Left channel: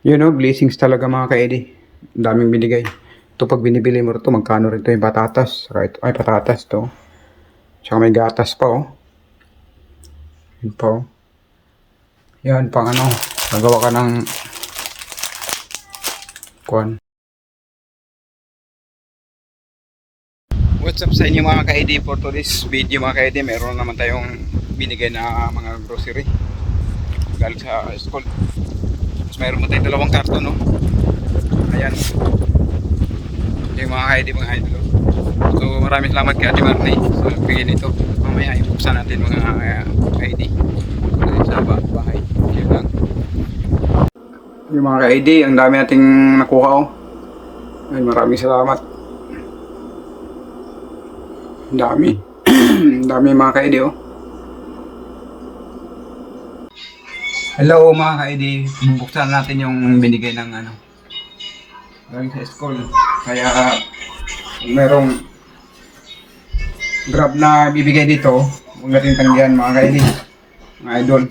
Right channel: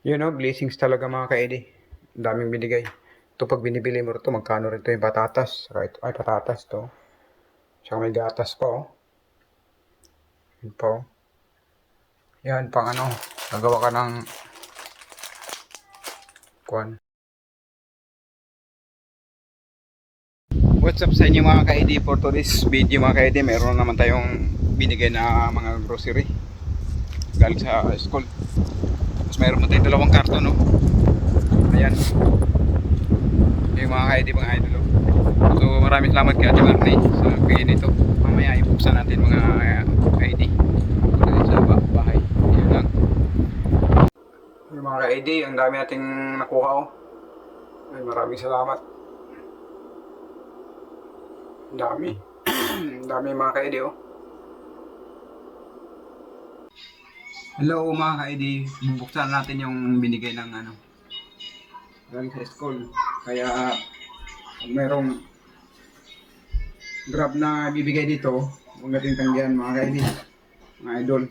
You know, blessings talaga mga ka-Eddie. Ang daming binigay. Ito pag binibili mo ito, magkano rin ito yung patatas. Ito, ay patatas to. Tsaka may gatas pa oh. Yun pa oh. Yan, pang ano. Nagawa ka ng kuan. What's up sa inyo mga ka-ID for today's video mga ka-ID meron naman tayong binigay na mga grocery galing sa school tapos meron mo tayong dalawang karton no? Ayan. Yung mga ka-ID mga idol oh. so maraming salamat kay Ate Marley sa bigay nito. Mamaya ibuksan natin mga uh, ka-ID sa ba- bahay. Yun lang. Yung mga ka-ID ang dami nating nakuha oh. Ay maraming salamat. Ang dami. Ang dami mga ka-ID oh. Hello mga ka-ID. Bubuksan natin yung binigay ng ano. Galing sa school. Kaya kung merong grab na bibigay dito, huwag natin tanggihan mga ka-ID. Mga idol.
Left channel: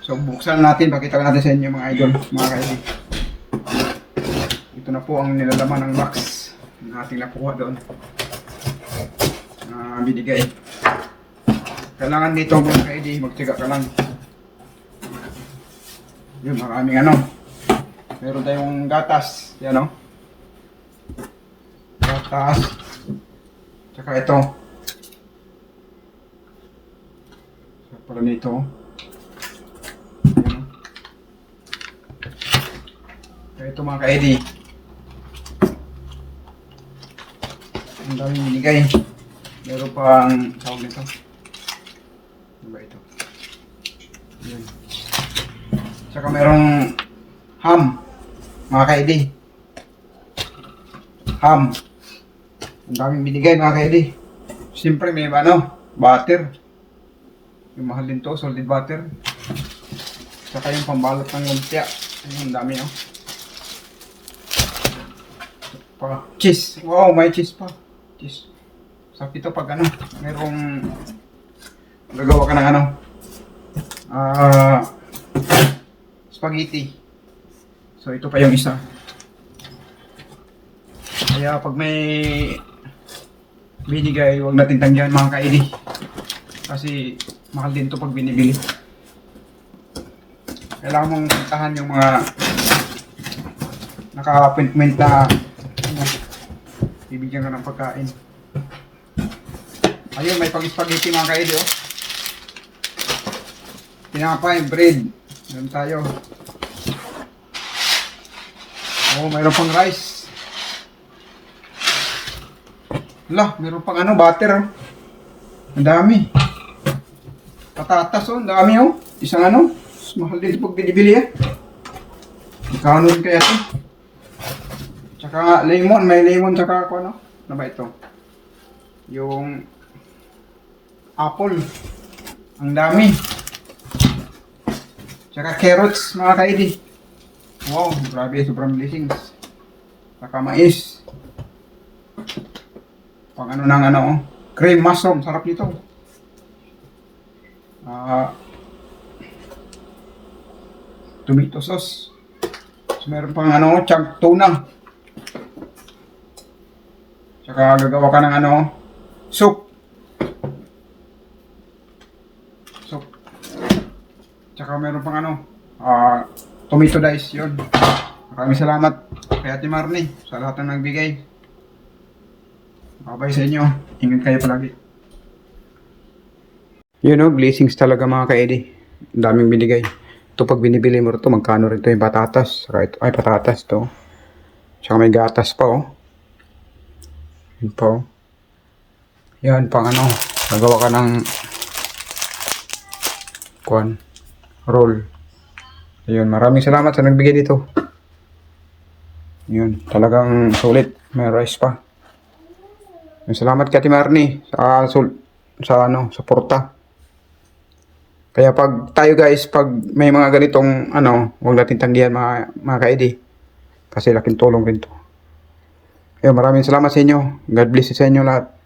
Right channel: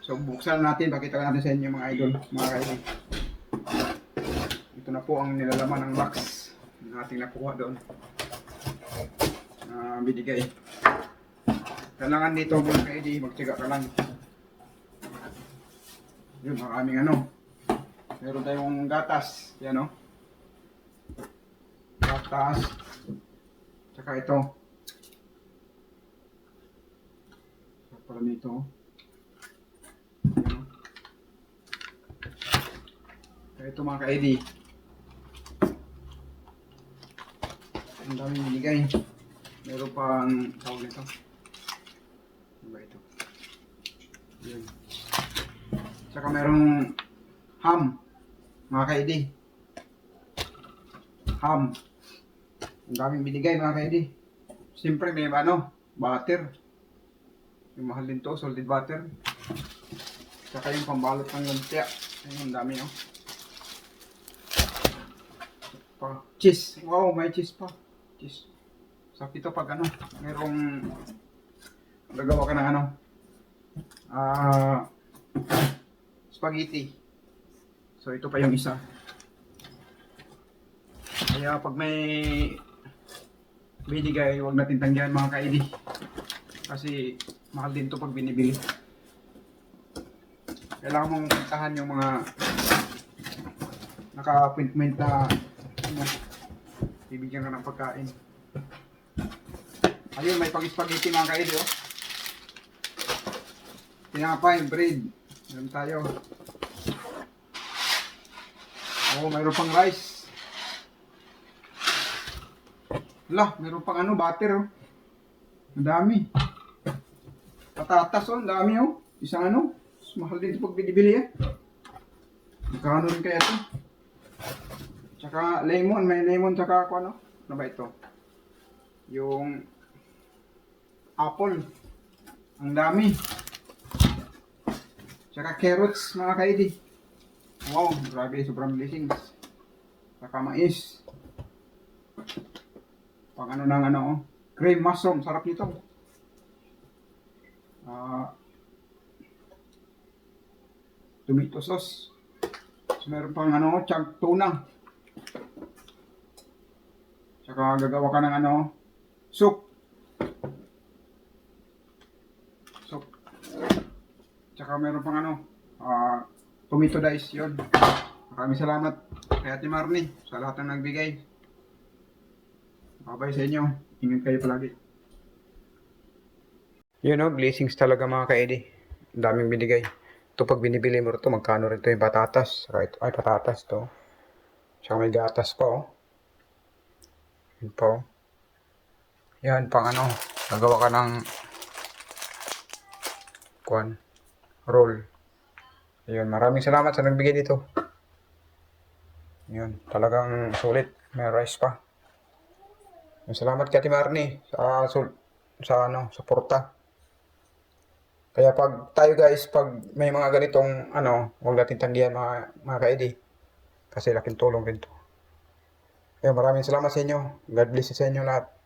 So buksan natin, pakita ko natin sa inyo mga idol, mga ka-ID. Ito na po ang nilalaman ng box na ating nakuha doon na binigay. Kailangan dito mga ka-ID, magtiga ka lang. Yun, maraming ano. Meron tayong gatas. Yan o. Gatas. Tsaka ito. Tsaka pala nito. Yan o. Tsaka ito mga ka-ID. Ang daming binigay. Meron pang tawag nito. Ano ba ito? Yan. Tsaka merong ham. Mga ka-ID. Ham. Ang daming binigay mga ka-ID. Siyempre may ano, butter. Yung mahal din to, solid butter. Tsaka yung pambalot ng lumpia. Ayun, ang dami oh. Pa. Cheese. Wow, may cheese pa. Cheese. So, ito pag ano, merong gagawa ka ng ano, ah, spaghetti. So, ito pa yung isa. Kaya pag may binigay, huwag natin tanggihan mga kaidi. Kasi mahal din to pag binibili. Kailangan mong puntahan yung mga naka-appointment na ano, bibigyan ka ng pagkain. Ayun, may pang-spaghetti mga kaili, oh. Tinapay, bread. Meron tayo. Oh, mayroon pang rice. Hala, meron pang ano, butter. oh. Ang dami. Patatas, oh, ang dami, oh. Isang ano, mahal din pag binibili, eh. Magkano rin kaya ito? Tsaka lemon, may lemon tsaka ako, ano? Ano ba ito? Yung apple. Ang dami. Tsaka carrots, mga kaidi. Wow, grabe, sobrang blessings. Tsaka mais. Pang ano ng ano, oh. cream mushroom, sarap nito. Ah, tomato sauce. So, meron pang ano, chunk tuna. Tsaka gagawa ka ng ano, soup. So, tsaka meron pang ano, ah, tomato dice yun. Maraming salamat kay Ate Marnie sa lahat ng nagbigay. Babay sa inyo. Ingat kayo palagi. You know, blessings talaga mga ka-Eddie. Ang daming binigay. Ito pag binibili mo ito, magkano rin ito yung patatas. Saka ito, ay patatas to. Tsaka may gatas pa oh. Yun pa oh. Yan, pang ano, nagawa ka ng kuan, roll. Ayun, maraming salamat sa nagbigay dito. Yun, talagang sulit. May rice pa. Salamat kay Ate Marnie sa sul sa ano, sa porta. Kaya pag tayo guys, pag may mga ganitong ano, huwag natin tanggihan mga mga ka-ID. Kasi laking tulong rin to. Ayun, maraming salamat sa inyo. God bless sa inyo lahat.